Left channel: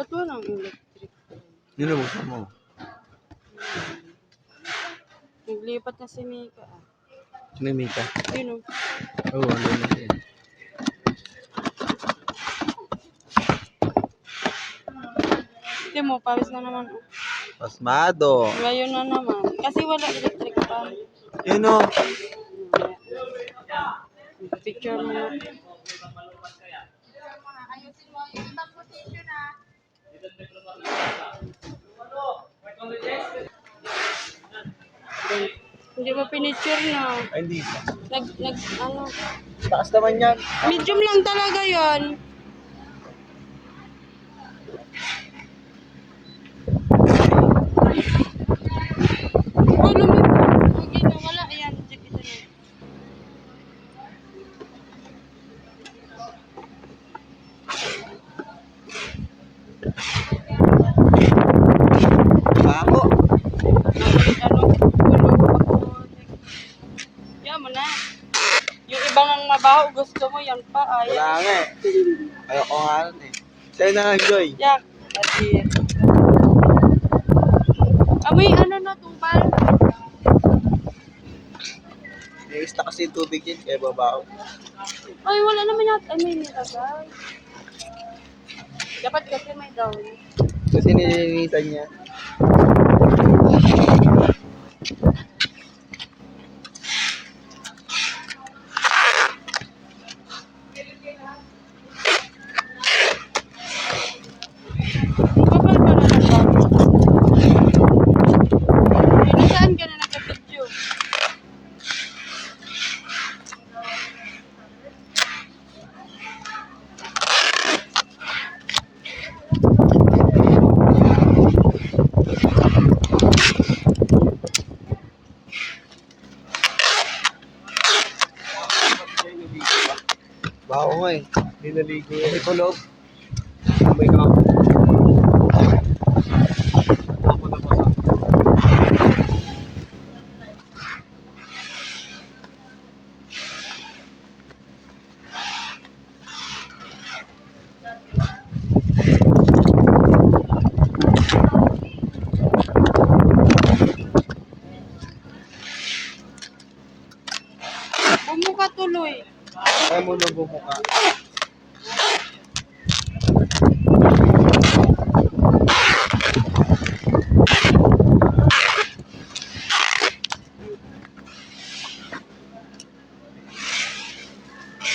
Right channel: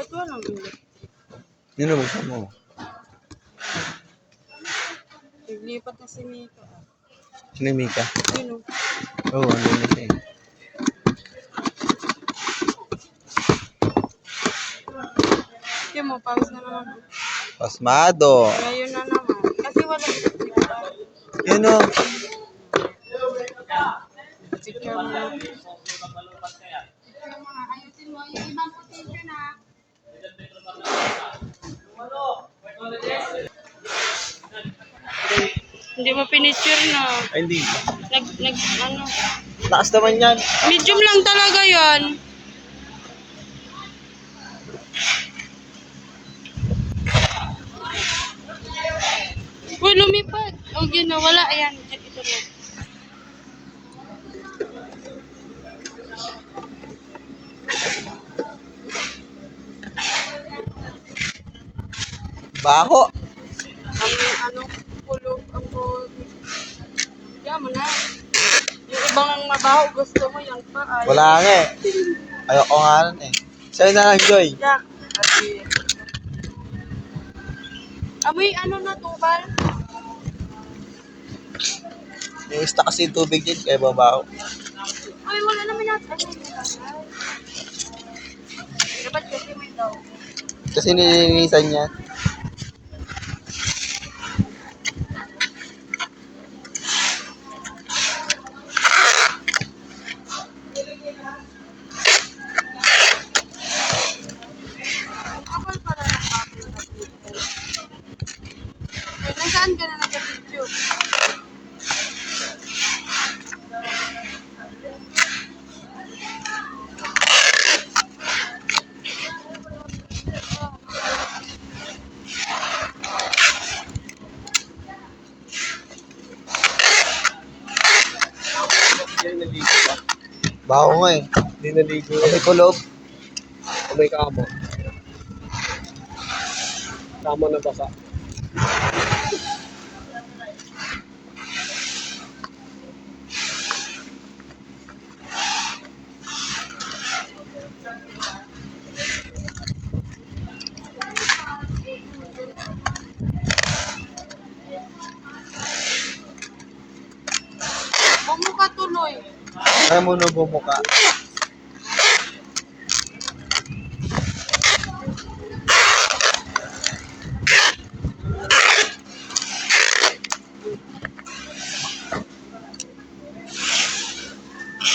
Ba't walang electric? Yun na, buksan mo. Naglipat na si Mika. Sino yung Mika? Yun o. Oo, andun na siya. Hindi mo, pawis na naman. Oh. Pasmado. Ngayon na naman. Kasi wala electric fan. Yun o. Picture mo. Ayusin mo yung ibang position na. Hindi mo pinicture na. Ay, hindi. Ano. Taas naman yan. Medium lang talaga yan. Uy, lumipot. O, wala. Ayan. Ito na. Baho. Yan mo na. Yung ibang mabaho, gusto mo, yan pa. Ayaw. Wala nga eh. Ayoko nga nun eh. Sa'yo na lang, Joy. Yak. Kasi. Amoy, ano na, tubal? Nangista kasi yung tubig din, kaya babaho. Ay, wala naman natin. Ano yung nilagay? Dapat kasi may gown. Kasi nilinisan niya. Kapal pa na ng gown. Saan ka na nagka-video? Baho nga eh. Hindi naligo Kasi yan. kulob. May kamo. Tama na baka. Bumuka tuloy. Kaya mo na bumuka.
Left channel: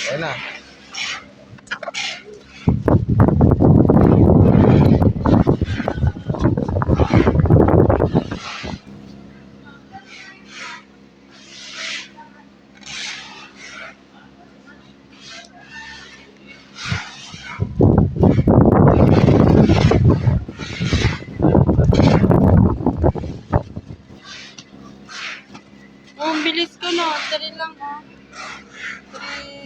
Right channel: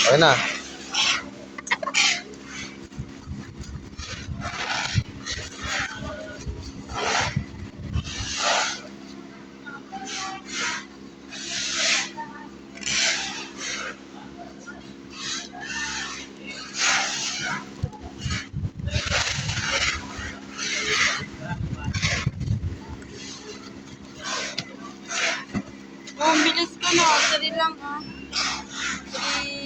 Okay na. Oh, bilis ka no. Dali lang ha. 3,